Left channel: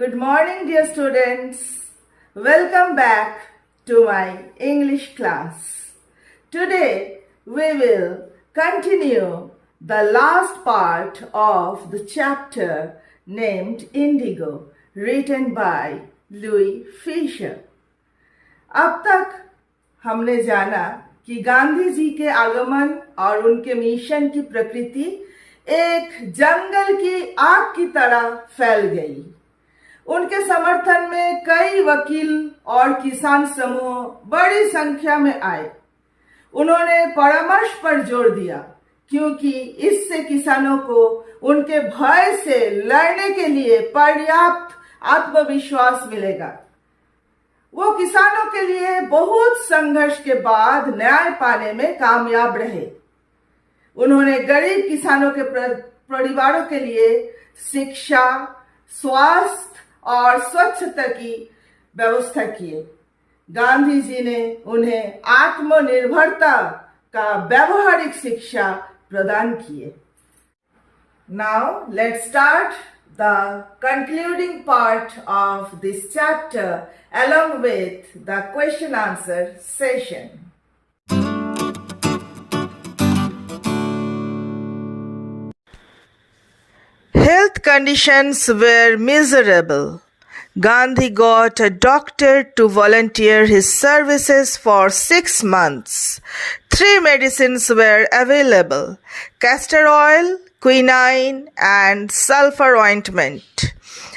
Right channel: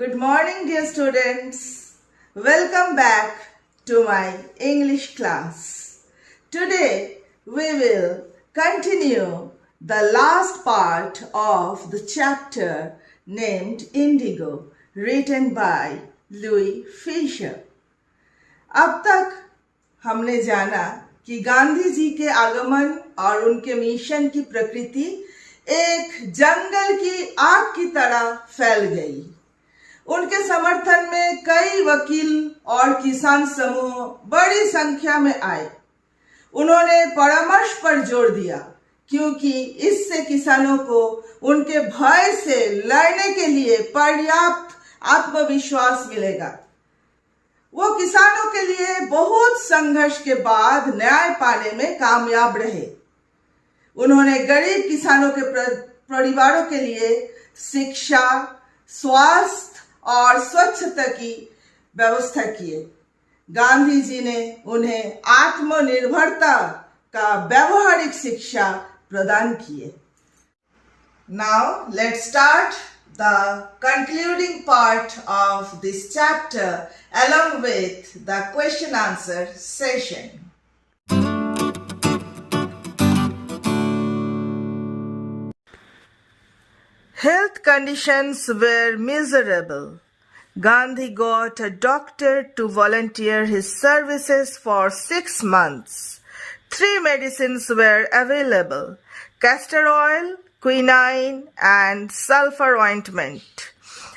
Good morning, dear students. Welcome back to my English class. Today we will continue the last part of the chapter named Indigo, written by Louis Fisher. अब तक हमने जाना कि गांधी जी के आगमन और उनके मिशन की प्रकृति एक जंगल की आग की तरह फैल गई। उनके समर्थन में कई वकील और किसान समूह बड़ी संख्या में आए। उन्होंने परामर्श पर जोर दिया क्योंकि इससे किसानों को उनके भय से लड़ने के लिए पर्याप्त आत्मविश्वास मिलेगा। वो किसानों के लिए बहुत संघर्ष के बाद न्याय पाने में कामयाब रहे। उन्होंने गरीब किसानों के परिवारों के लिए शिक्षा, स्वास्थ्य और स्वच्छता की व्यवस्था किए। गांधी जी ने उन्हें आत्मनिर्भरता का व्यवहारिक शिक्षा प्रदान किए। Now let's start the concluding part of this chapter along with the question answer session. Health conditions were miserable. Gandhi got a doctor to volunteer his services for 6 months. 3 medicines were available: castor oil, quinine, and sulfur ointment.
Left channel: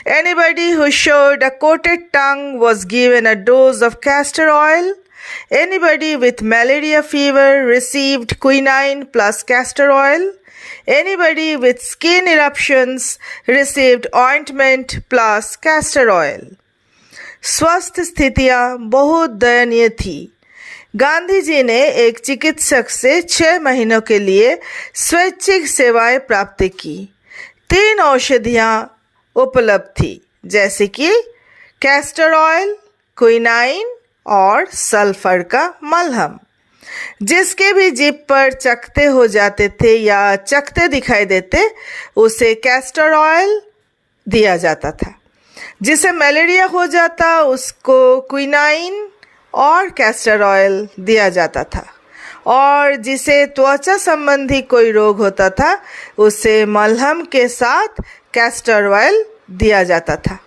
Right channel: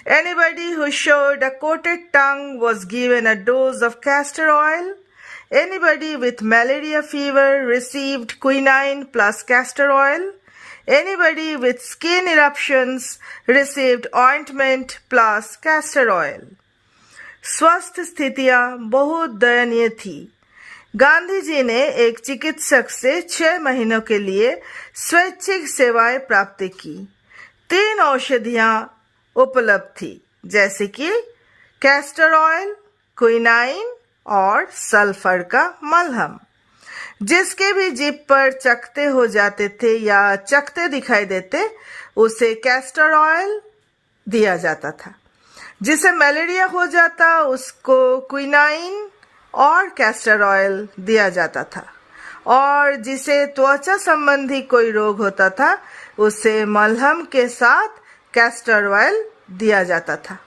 Anybody who showed a coated tongue was given a dose of castor oil. Anybody with malaria fever received quinine plus castor oil. Anybody with skin eruptions received ointment plus castor oil. स्वास्थ्य स्थितियां बहुत दयनीय थी। गांधी जी ने एक चिकित्सक से 6 महीनों के लिए स्वैच्छिक सेवाएं प्राप्त की। 3 औषधियां उपलब्ध थी, जैसे कि कैस्टर ऑयल, क्विनाइन और सल्फर का मलहम। जिसके भी जीभ पर चकते हो जाते थे या चकते दिखाई देते, उसे कैस्टर ऑयल दिया जाता था। जिसे मलेरिया हो जाता, उसको क्विनाइन और कैस्टर ऑयल दिया जाता था। और जिसे त्वचा संबंधी कोई रोग होता था, उसे मलहम के साथ कैस्टर ऑयल दिया जाता था।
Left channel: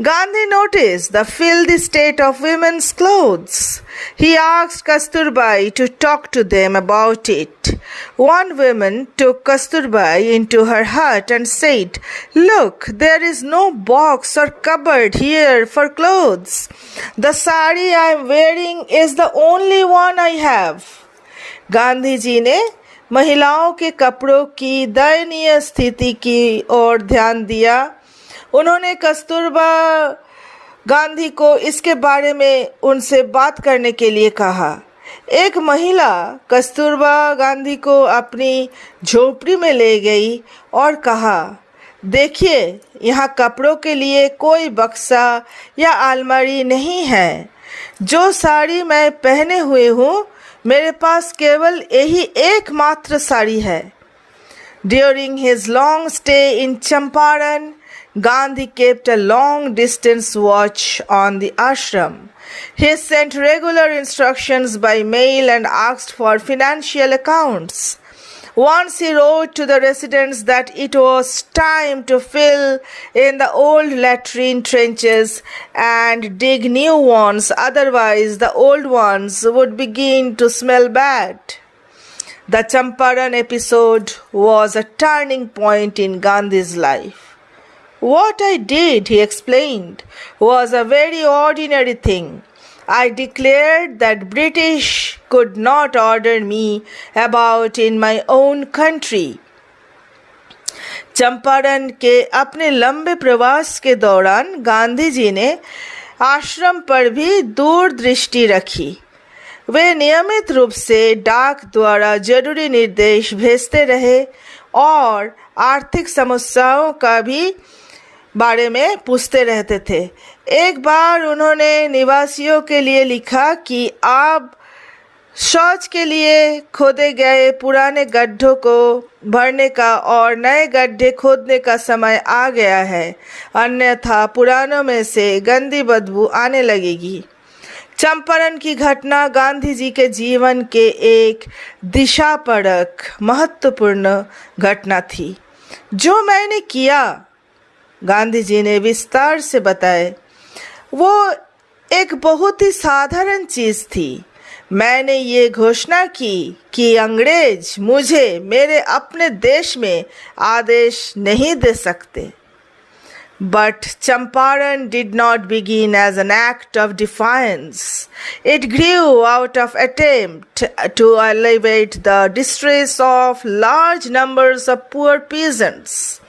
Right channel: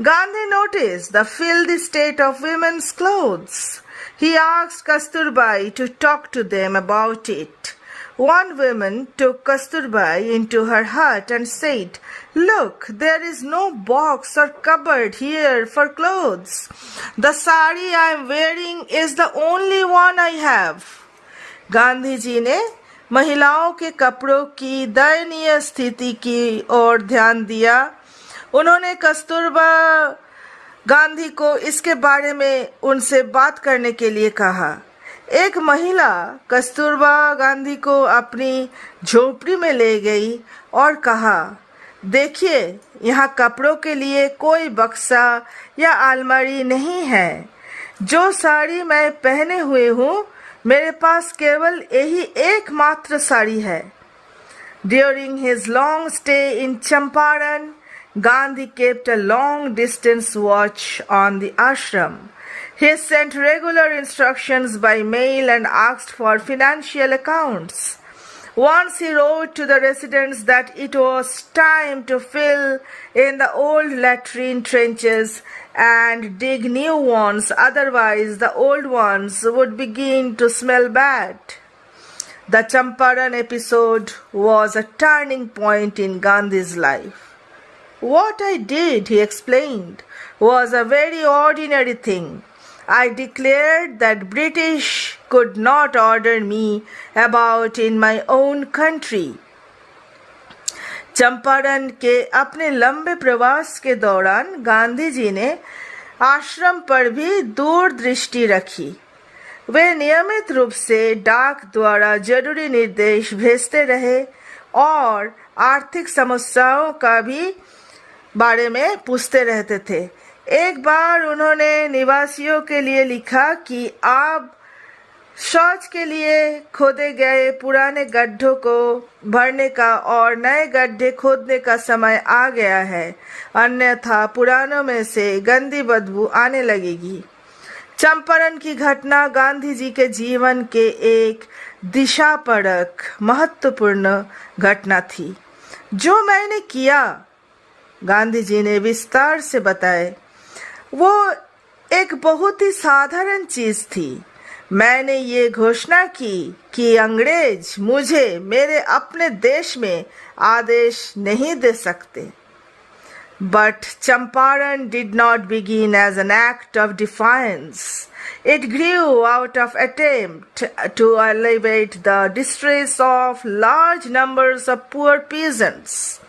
Gandhi noticed the filthy state of women's clothes. He asked Kasturbai to talk to them about it. One woman took Kasturbai into her hut and said, "Look, there is no box or cupboard here for clothes. The sari I am wearing is the only one I have." Gandhi ji ने महिलाओं के कपड़ों की दयनीय स्थिति की ओर ध्यान दिया। उन्होंने कस्तूरबा गांधी को इसके बारे में उनसे बात करने के लिए कहा। एक महिला कस्तूरबा गांधी को अपनी झोपड़ी में ले गई और कहा, देखिए, यहाँ कपड़ों के लिए कोई बक्सा या अलमारी नहीं है। जो साड़ी मैं पहने हुए हूँ, मेरे पास केवल यही एकमात्र साड़ी है। During his long stay in Champaran, Gandhi kept a long-distance watch on the ashram. He sent regular instructions by mail and asked for financial accounts. Once he wrote to the residents that it was time to fill in the old latrine trenches and dig new ones, otherwise the old ones would begin to smell bad. The Champaran episode was a turning point in Gandhi's life. What I did, he explained, was a very ordinary thing. I declared that British could not order me about in my own country. Champaran के अपने लंबे प्रवास के दौरान गांधी जी ने आश्रम पर भी दूरदृष्टि रखी। वे नियमित रूप से डाक द्वारा जरूरी निर्देश भेजते रहे और आर्थिक समस्याओं का भी बारे में पूछते रहते थे। एक बार उन्होंने निवासियों के लिए लिखा कि आप शौच के लिए खोदे गए पुराने गड्ढों को भरने का और नए गड्ढे खोदने का समय आ गया है, अन्यथा पुरानों में से गंदी बदबू आने लगेगी। चंपारण की घटना गांधी जी के जीवन के एक दिशापरक महत्वपूर्ण घटना थी। जो मैंने किया, गांधी जी ने विस्तार से बताए, वो एक बहुत ही साधारण चीज थी। मैंने ये घोषणा की कि अंग्रेज मुझे मेरे अपने देश में आदेश नहीं दे सकते। But Champaran did not begin as an act of defiance. It grew out of attempt to alleviate the distress of large numbers of poor peasants.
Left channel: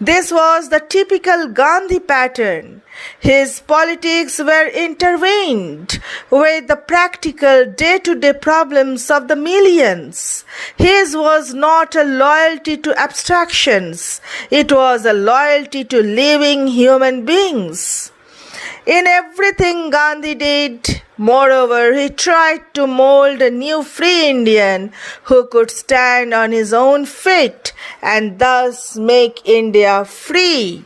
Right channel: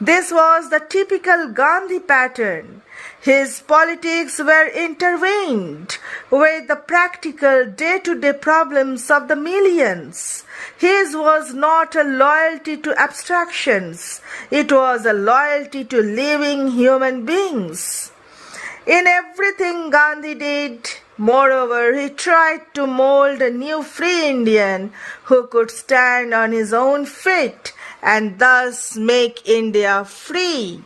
This was the typical Gandhi pattern. His politics were intertwined with the practical day-to-day problems of the millions. His was not a loyalty to abstractions. It was a loyalty to living human beings. In everything Gandhi did, moreover, he tried to mold a new free Indian who could stand on his own feet and thus make India free.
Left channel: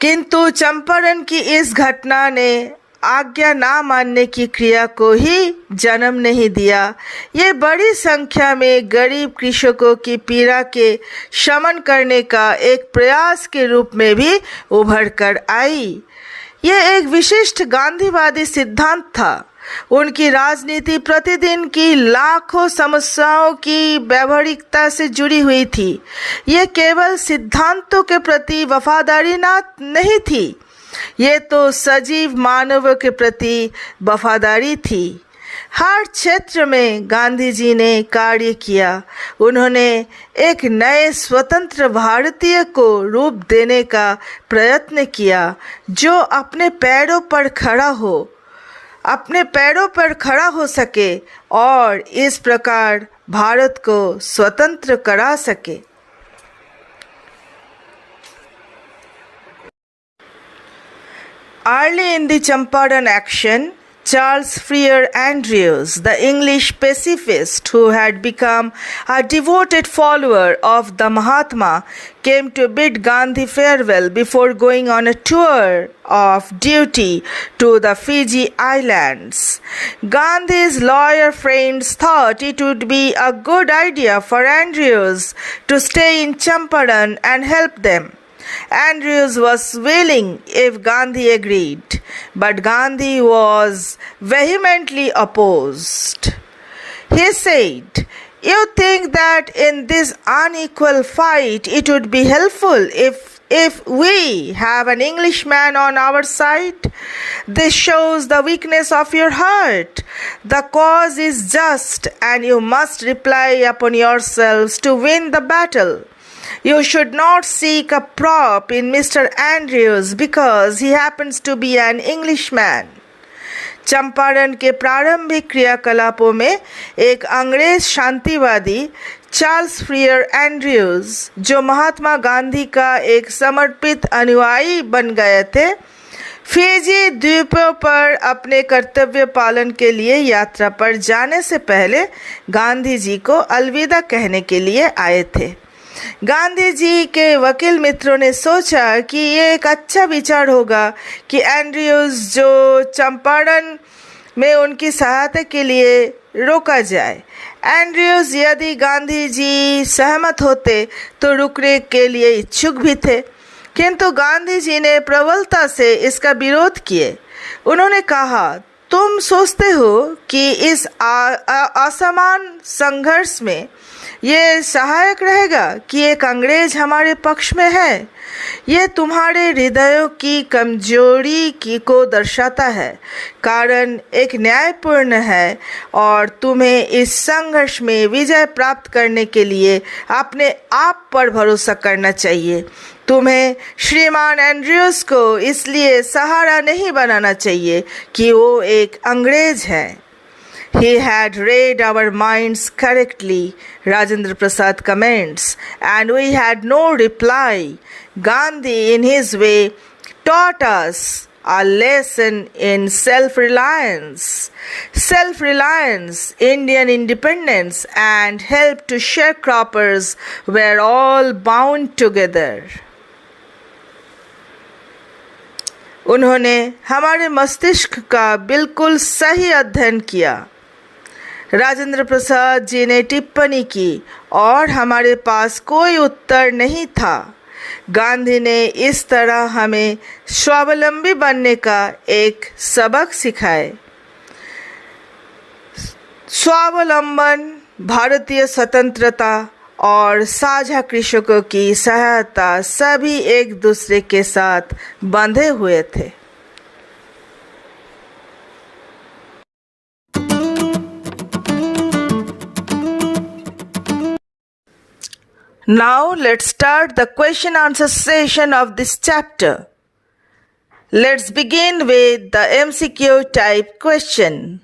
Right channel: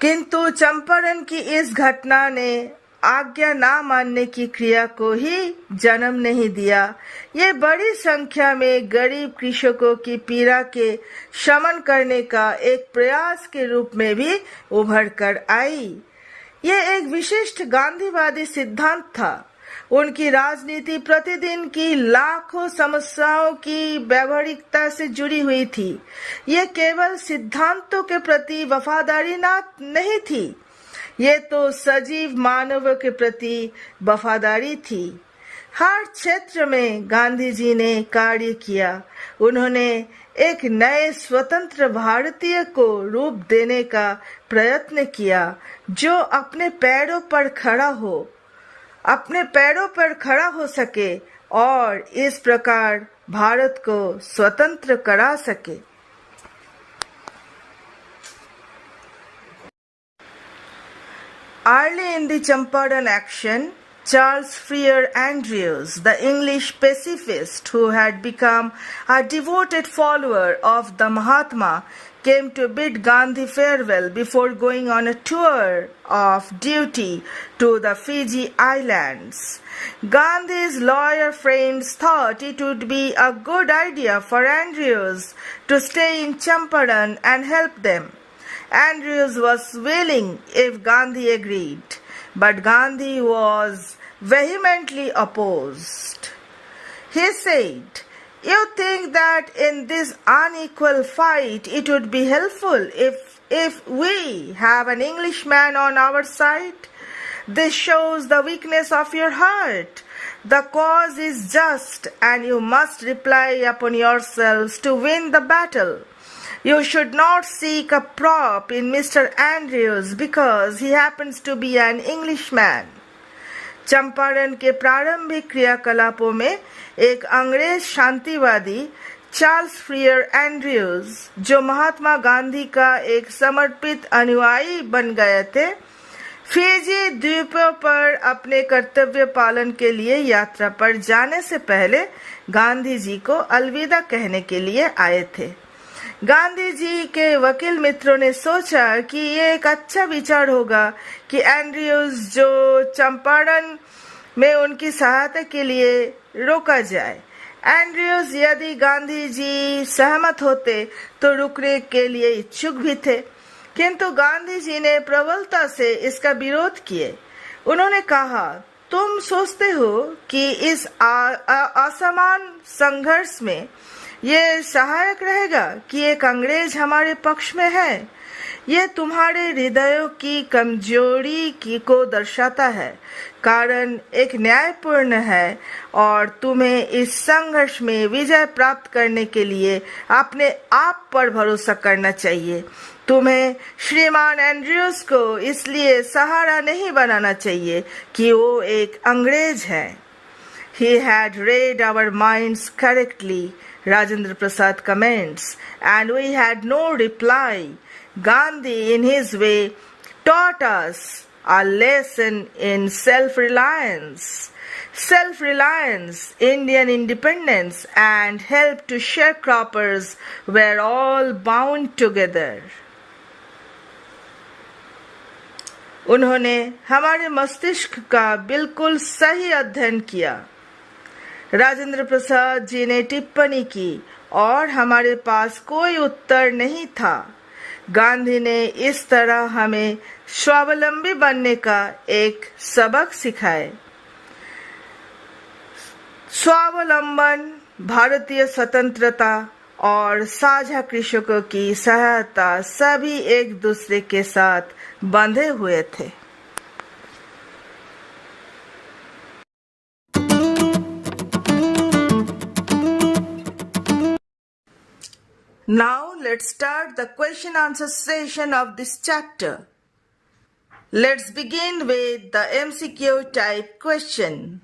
किंतु चंपारण की इस घटना ने आज्ञा ना मानने की क्रिया को ही जन्म नहीं दिया। ये बड़ी संख्या में गरीब कृषकों की पीड़ा के शमन करने का एक प्रयास के रूप में भी उभर कर आई। यह एक विशिष्ट गांधीवादी सिद्धांत था। उनकी राजनीति प्रतिदिन की लाखों समस्याओं की व्यावहारिकता से जुड़ी हुई थी। यह केवल सिद्धांतों के प्रति वफादारी नहीं थी, ये तो सजीव मानवों के प्रति वफादारी थी। हर क्षेत्र में गांधी जी ने कार्य किया। उन्होंने एक नए स्वतंत्र भारतीय को रूप देने का प्रयत्न किया, जो अपने पैरों पर खड़ा हो सके और इस प्रकार भारत को स्वतंत्र करा सके। Early in the Champaran action, Charles Freer Andrews, the English pacifist who had become a devoted follower of the Mahatma, came to bid Gandhi farewell before going on a tour of duty to the Fiji Islands. Gandhi's lawyer friends thought it would be a good idea for Andrews to stay in Champaran and help them. Andrews was willing if Gandhi agreed, but Gandhi was vehemently opposed. He said, "You think that in this unequal fight it would be helpful if we have an Englishman on our side? This shows the weakness of your heart. The cause is just, and you must rely upon yourselves to win the battle. You should not seek a prop in Mr. Andrews because he happens to be an Englishman." Champaran के प्रारंभिक क्रियाकलापों में एक अंग्रेज शांतिवादी Charles फ्रियर Andrews, जो महात्मा गांधी का एक समर्पित अनुयायी बन गए थे, फिजी द्वीपों पर अपने कर्तव्य पालन के लिए यात्रा पर जाने से पहले गांधी जी को अलविदा कहने के लिए आए थे। गांधी जी के वकील मित्रों ने सोचा कि ये एक अच्छा विचार होगा कि एंड्रयूज जो चंपारण में उनकी सहायता के लिए रोका जाए। एंड्रयूज यदि गांधी जी सहमत होते तो रुकने के लिए इच्छुक भी थे, किंतु गांधी जी ने प्रबलता से इसका विरोध किए। उन्होंने कहा, तुम सोचते हो कि इस असमान संघर्ष में ये सहायक रहेगा कि एक अंग्रेज हमारे पक्ष में है? यह तुम्हारे हृदयों की कमजोरी को दर्शाता है। कारण एक न्यायपूर्ण है और तुम्हें इस संघर्ष में विजय प्राप्त करने के लिए अपने आप पर भरोसा करना चाहिए। तुम्हें श्रीमान एंड्रयूज को इसलिए सहारा नहीं बनाना चाहिए कि वो एक अंग्रेज है। He had read our minds correctly, Rajendra Prasad comments, and we had no reply. Gandhi, in his way, taught us a lesson in self-reliance. Self-reliance, Indian independence, and help to sharecroppers were all bound together. उन्होंने हमारे मस्तिष्क का बिल्कुल सही अध्ययन किया। राजेंद्र प्रसाद जी ने टिप्पणी की और हमारे पास कोई उत्तर नहीं था। गांधी ने इस तरह हमें स्वावलंबी बनने का एक सबक सिखाए। स्वावलंबन, भारतीय स्वतंत्रता और साझा कृषकों की सहायता सभी एक दूसरे के साथ बंधे हुए थे। Now let's start the question answer session of this chapter. Let's begin with the MCQ type question.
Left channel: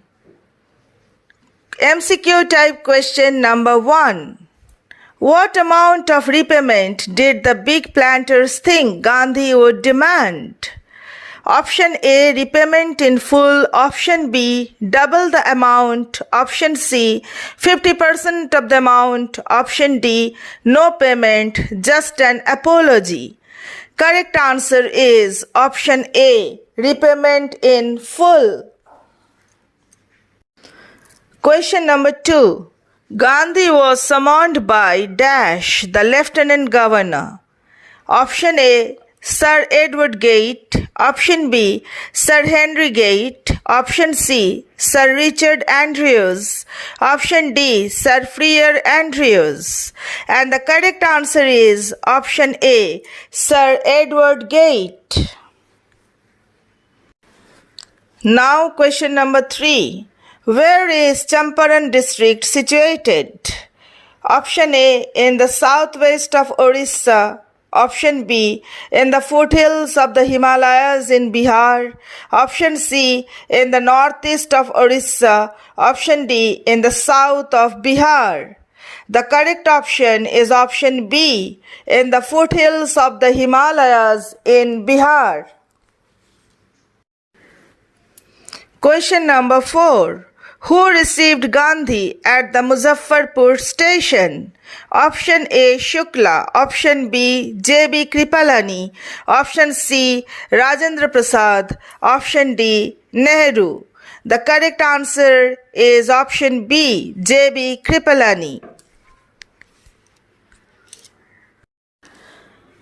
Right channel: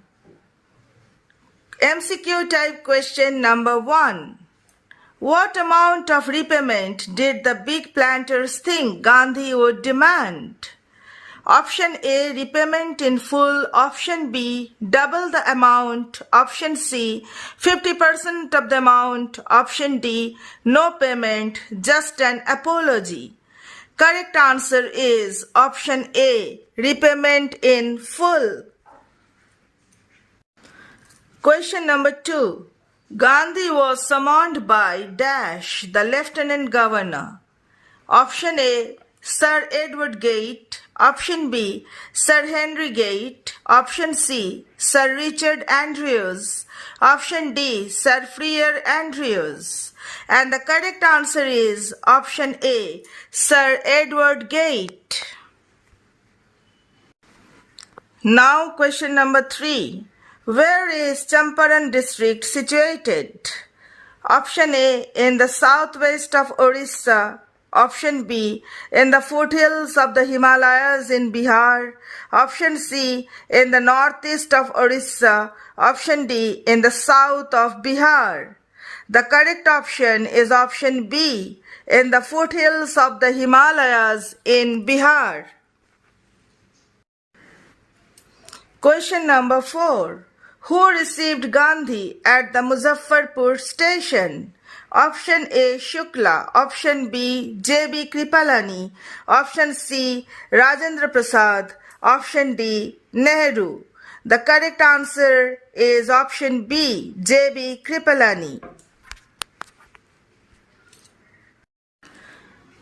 MCQ type question number 1. What amount of repayment did the big planters think Gandhi would demand? Option A, repayment in full. Option B, double the amount. Option C, 50% of the amount. Option D, no payment, just an apology. Correct answer is option A, repayment in full. Question number 2. Gandhi was summoned by Dash, the Lieutenant Governor. Option A, Sir Edward Gate. Option B, Sir Henry Gate. Option C, Sir Richard Andrews. Option D, Sir Freer Andrews. And the correct answer is option A, Sir Edward Gate. Now question number 3. Where is Champaran district situated? Option A, in the southwest of Orissa. Option B, in the foothills of the Himalayas in Bihar. Option C, in the northeast of Orissa. Option D, in the south of Bihar. The correct option is option B, in the foothills of the Himalayas in Bihar. Question number 4. Who received Gandhi at the Muzaffarpur station? Option A, Shukla. Option B, J.B. Kripalani. Option C, Rajendra Prasad. Option D, Nehru. The correct answer is option B, J.B. Kripalani.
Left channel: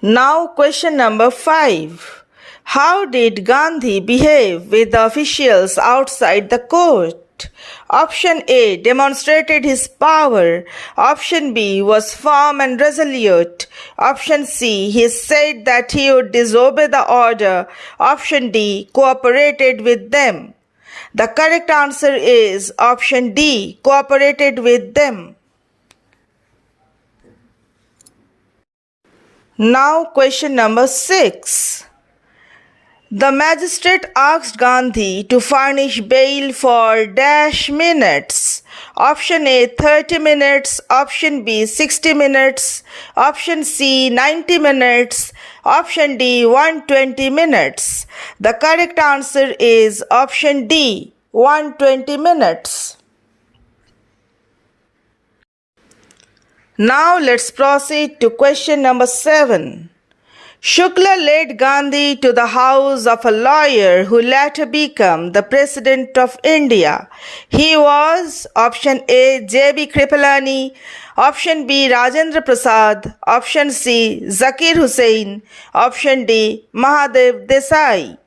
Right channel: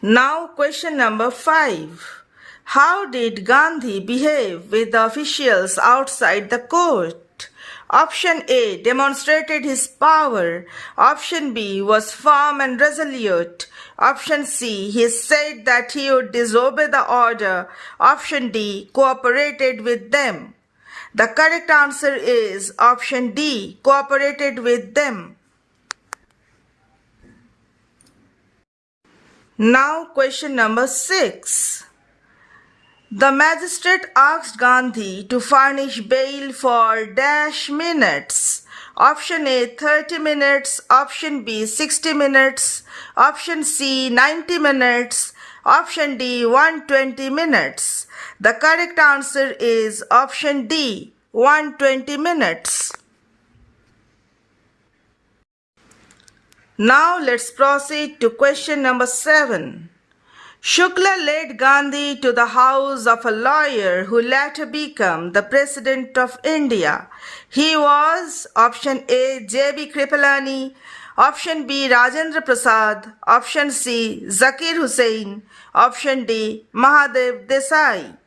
Now question number 5. How did Gandhi behave with the officials outside the court? Option A, demonstrated his power. Option B, was firm and resolute. Option C, he said that he would disobey the order. Option D, cooperated with them. The correct answer is option D, cooperated with them. Now question number 6. The magistrate asked Gandhi to furnish bail for dash minutes. Option A, 30 minutes. Option B, 60 minutes. Option C, 90 minutes. Option D, 120 minutes. The correct answer is option D, 120 minutes. Now let's proceed to question number 7. Shukla led Gandhi to the house of a lawyer who later became the President of India. He was option A, J.B. Kripalani, option B, Rajendra Prasad, option C, Zakir Hussain, option D, Mahadev Desai.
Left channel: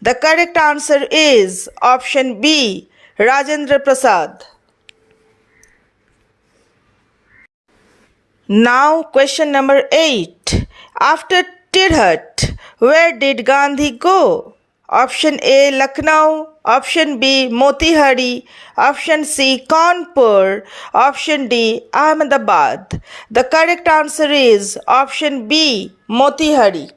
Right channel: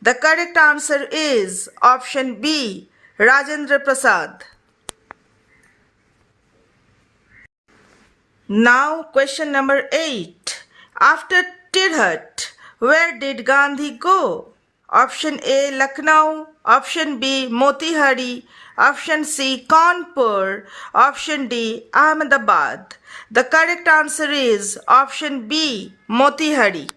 The correct answer is option B, Rajendra Prasad. Now question number 8. After Tirhat, where did Gandhi go? Option A, Lucknow. Option B, Motihari. Option C, Kanpur. Option D, Ahmedabad. The correct answer is option B, Motihari.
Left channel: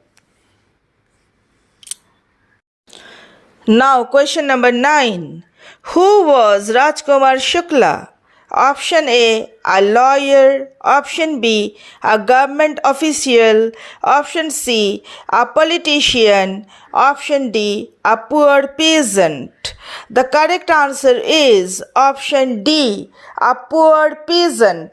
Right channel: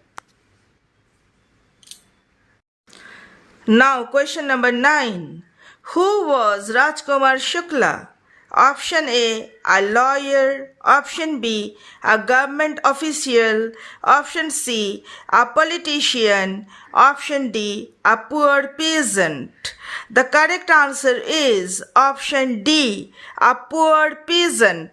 Now question number 9. Who was Rajkumar Shukla? Option A, a lawyer. Option B, a government official. Option C, a politician. Option D, a poor peasant. The correct answer is option D, a poor peasant.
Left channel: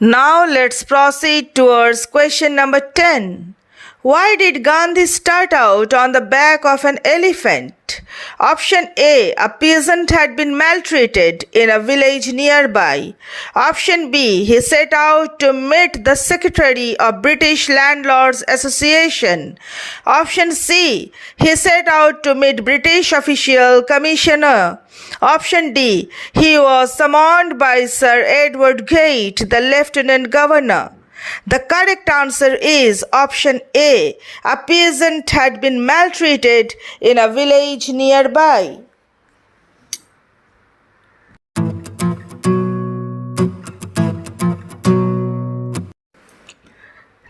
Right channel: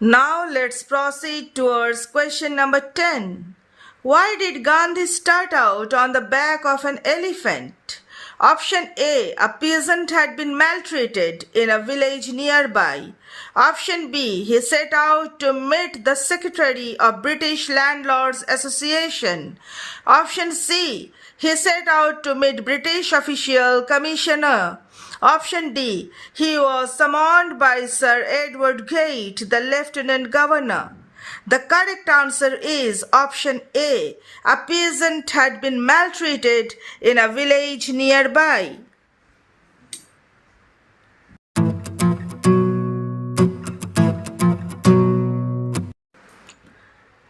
Now let's proceed towards question number 10. Why did Gandhi start out on the back of an elephant? Option A, a peasant had been maltreated in a village nearby. Option B, he set out to meet the secretary of British Landlords Association. Option C, he set out to meet British official commissioner. Option D, he was summoned by Sir Edward Gate, the Lieutenant Governor. The correct answer is option A. A peasant had been maltreated in a village nearby.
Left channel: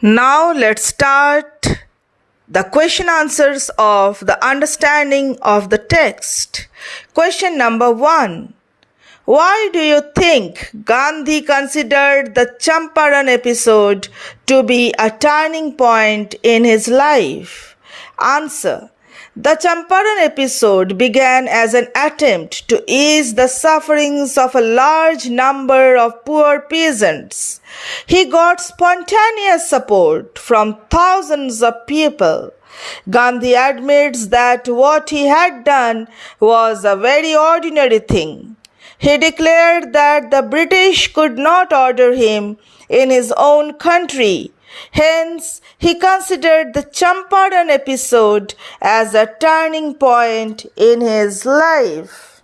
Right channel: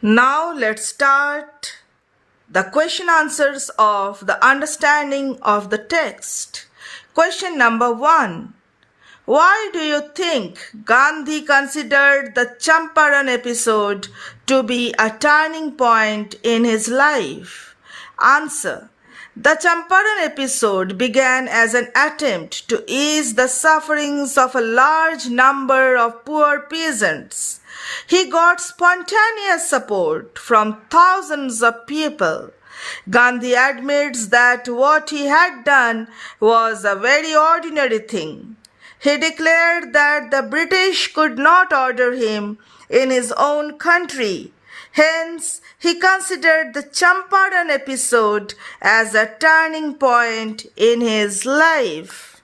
Now let's start the question answers of the understanding of the text. Question number 1. Why do you think Gandhi considered the Champaran episode to be a turning point in his life? Answer. The Champaran episode began as an attempt to ease the sufferings of a large number of poor peasants. He got spontaneous support from thousands of people. Gandhi admits that what he had done was a very ordinary thing. He declared that the British could not order him in his own country. Hence, he considered the Champaran episode as a turning point in his life.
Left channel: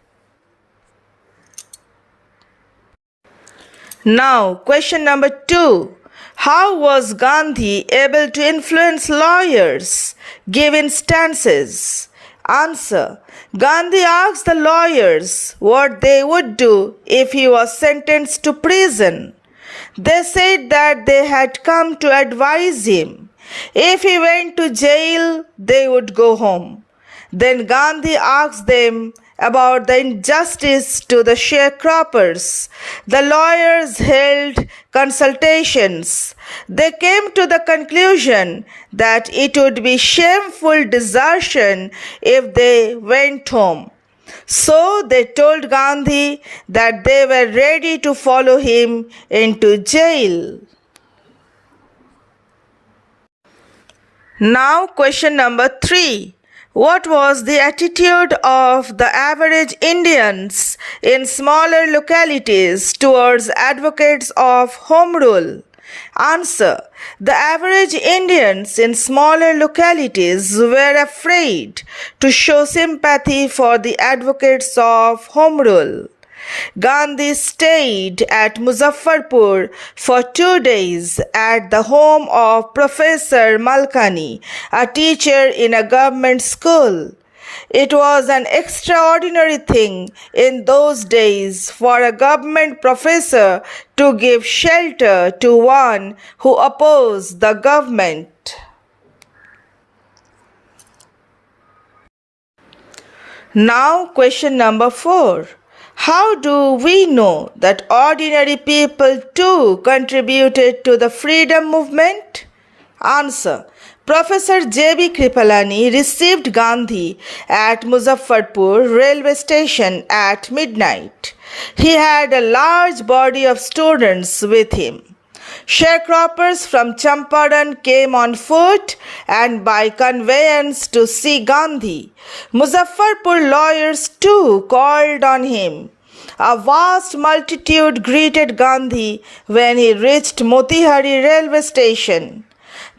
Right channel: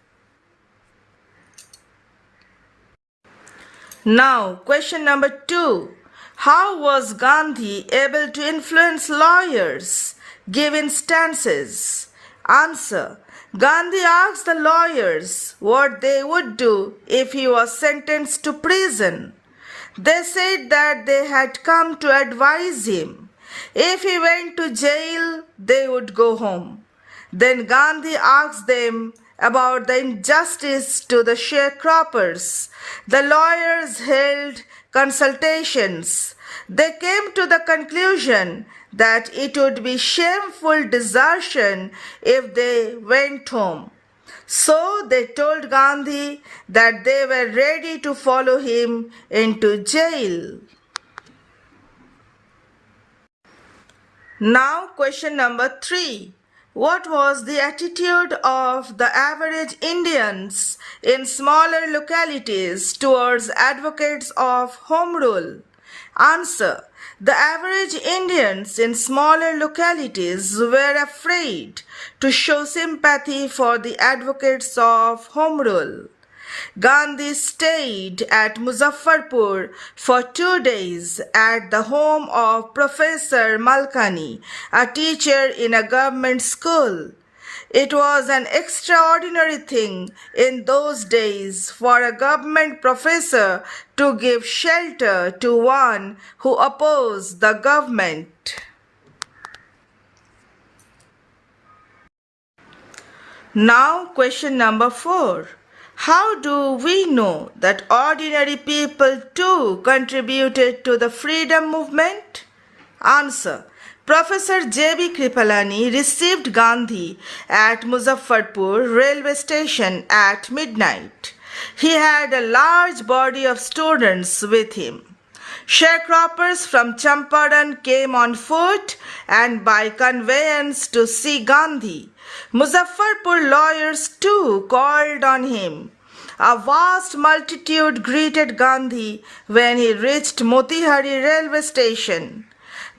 Now, question number 2. How was Gandhi able to influence lawyers? Give instances. Answer. Gandhi asked the lawyers what they would do if he was sentenced to prison. They said that they had come to advise him. If he went to jail, they would go home. Then Gandhi asked them about the injustice to the sharecroppers. The lawyers held consultations. They came to the conclusion that it would be shameful desertion if they went home. So they told Gandhi that they were ready to follow him into jail. Now question number 3. What was the attitude of the average Indians in smaller localities towards advocates of Home Rule? Answer. The average Indians in smaller localities were afraid to show sympathy for the advocates of Home Rule. Gandhi stayed at Muzaffarpur for 2 days at the home of Professor Malkani, a teacher in a government school. It was an extraordinary thing in those days for a government professor to give shelter to one who opposed the government. Now question number 4. How do we know that ordinary people too contributed to the freedom movement? Answer. Professor J.B. Kripalani received Gandhi at Muzaffarpur railway station at midnight. He had a large body of students with him. Sharecroppers from Champaran came on foot and by conveyance to see Gandhi. Muzaffarpur lawyers too called on him. A vast multitude greeted Gandhi when he reached Motihari railway station.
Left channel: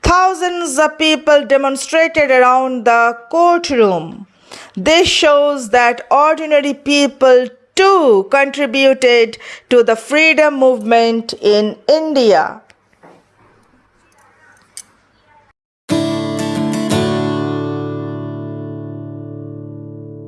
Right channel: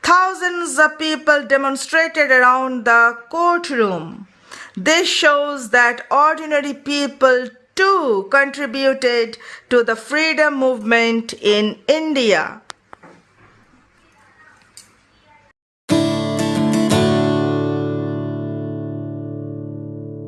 Thousands of people demonstrated around the courtroom. This shows that ordinary people too contributed to the freedom movement in India.